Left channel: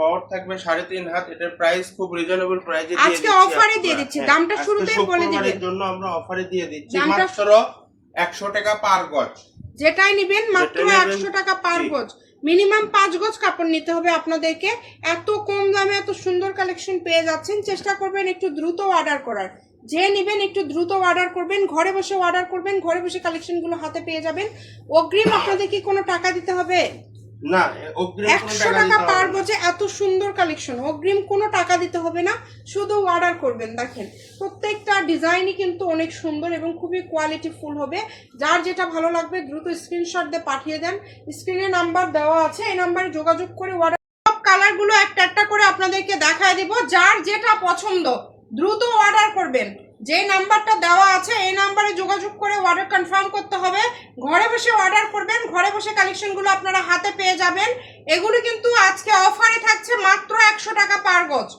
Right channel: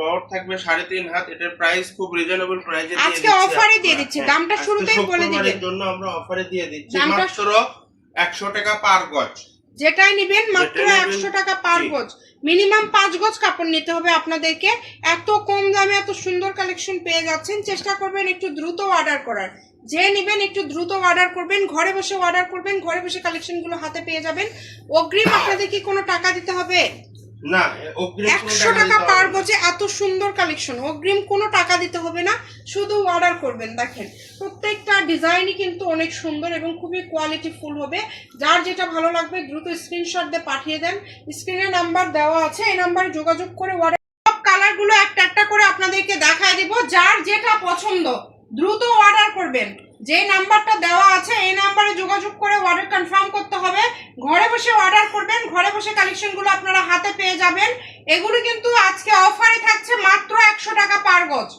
বহর থাকবে 3.5 হাত। এটার প্রাইস খুব রিজনেবল প্রাইসে দিয়ে আজকে অফারে দিয়ে দিচ্ছি, দামটা শুরুতেই বলে দিবেন। এর জন্য আমরা অফারে দিয়ে দিচ্ছি মাত্র 100 টাকা পার গজ। যেটাই নেবেন মাত্র 100 টাকা পার গজ। মিনিমাম 5 গজ কাপড় নিতে হবে আপনাদেরকে। এত কম দামে এত সুন্দর কালেকশন পেয়ে যাচ্ছেন, চেষ্টা করবেন একটু দ্রুত অর্ডার করার। যে নেবেন একটু দ্রুত অর্ডার করবেন, ঘরে বসে অর্ডার করবেন, ঘরে বসে কালেকশনগুলো হাতে পেয়ে যাবেন। অগ্রিম আপনাদের কি কোনো টাকা দিতে হবে না? অগ্রিম 100 টাকা পার গজে এত সুন্দর কালেকশন, অগ্রিম কোনো টাকা দিতে হবে না, শুধু অর্ডার করবেন। দেখেন প্রত্যেকটা ডিজাইনই কিন্তু অনেক সুন্দর এবং খুবই কোয়ালিটিফুল হবে। যার যেটা ভালো লাগবে দ্রুত স্ক্রিনশট দিয়ে পাঠিয়ে দেন। স্ক্রিনে নাম্বার দেওয়া আছে, এই নাম্বারে যোগাযোগ করে অর্ডার। সব কালারগুলো একটা একটা করে আপনাদেরকে দেখায় দেব। যার যেটা পছন্দ দ্রুত অর্ডার করবেন। যে নাম্বারটা দেওয়া আছে এই নাম্বারে যোগাযোগ করে অর্ডার কনফার্ম করতে হবে। ঘরে বসে অর্ডার করবেন, ঘরে বসে কালেকশনগুলো আপনারা হাতে পেয়ে যাবেন। এগুলো কিন্তু আজকে অফারে থাকছে মাত্র 100 টাকা পার গজ।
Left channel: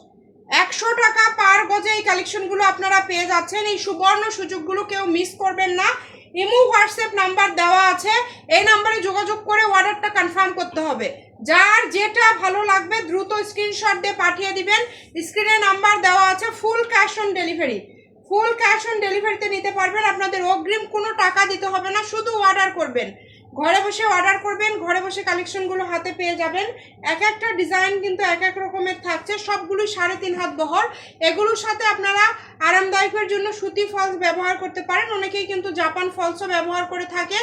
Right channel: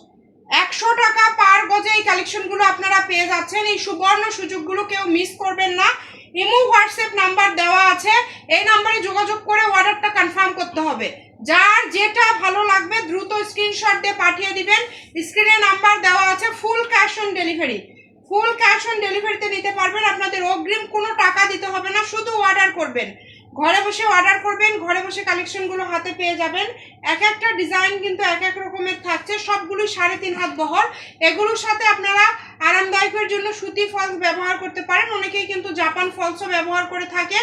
100 টাকা পার গজে এই কালেকশনগুলো আপনারা পেয়ে যাচ্ছেন। এই সুবর্ণ সুযোগগুলো কেউ মিস করবেন না। ইমো হোয়াটসঅ্যাপ নাম্বার দেওয়া আছে, এই নাম্বারে যোগাযোগ করে অর্ডারটা কনফার্ম করতে হবে। যার যেটা ভালো লাগবে দ্রুত স্ক্রিনশট দিয়ে পাঠিয়ে দিবেন। স্ক্রিনে নাম্বার দেওয়া আছে। Full cash on delivery, full cash on ডেলিভারিতে নিতে পারবেন। আপনাদের অগ্রিম কোনো টাকা দিতে হবে না, শুধু অর্ডার করবেন। ঘরে বসে অর্ডার করবেন, ঘরে বসে কালেকশনগুলো হাতে পেয়ে যাবেন। এক একটা ডিজাইন কিন্তু এক এক রকমের থাকছে, সবগুলোই 3.5 হাত বহর। এগুলোর সাথে আপনারা আরামদায়কের জন্য সুতি ফলস ব্যবহার করতে পারেন, অনেকেই কিন্তু জাপান ফলসও ব্যবহার করে থাকে।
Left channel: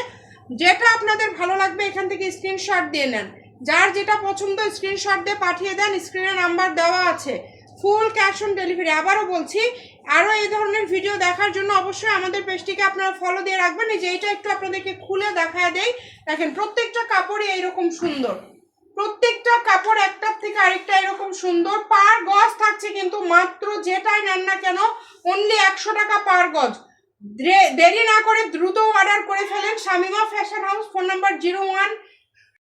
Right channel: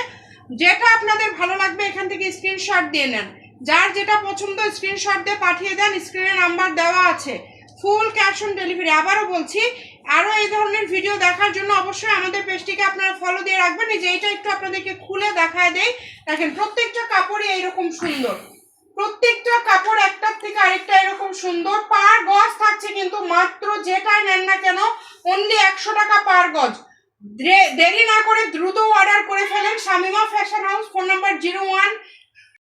যেটা আপনাদের ভালো লাগবে এখান থেকে স্ক্রিনশট দিয়ে নেন। যার যেটা পছন্দ স্ক্রিনশট দিয়ে পাঠিয়ে দেন। স্ক্রিনে নাম্বার দেওয়া আছে। Full cash on delivery. আবারও বলছি, আরও এই ধরনের ভিডিও দেখার জন্য অবশ্যই আমাদের পেজটিকে আপনারা ফলো দিয়ে রাখবেন। এই যে এইটা একটু আপনাদেরকে খুলে দেখায় দেই। দেখেন প্রত্যেকটা কাপড়ই এইরকম সুন্দর, প্রত্যেকটা কাপড় একটার থেকে আরেকটা এরকম সুন্দর। পার গজ থাকছে কিন্তু মাত্র, যেটাই নেন না কেন অনলি 100 টাকা পার গজ। দেরি না করে দ্রুত অর্ডার করে ফেলেন। Shamima fashion house, phone number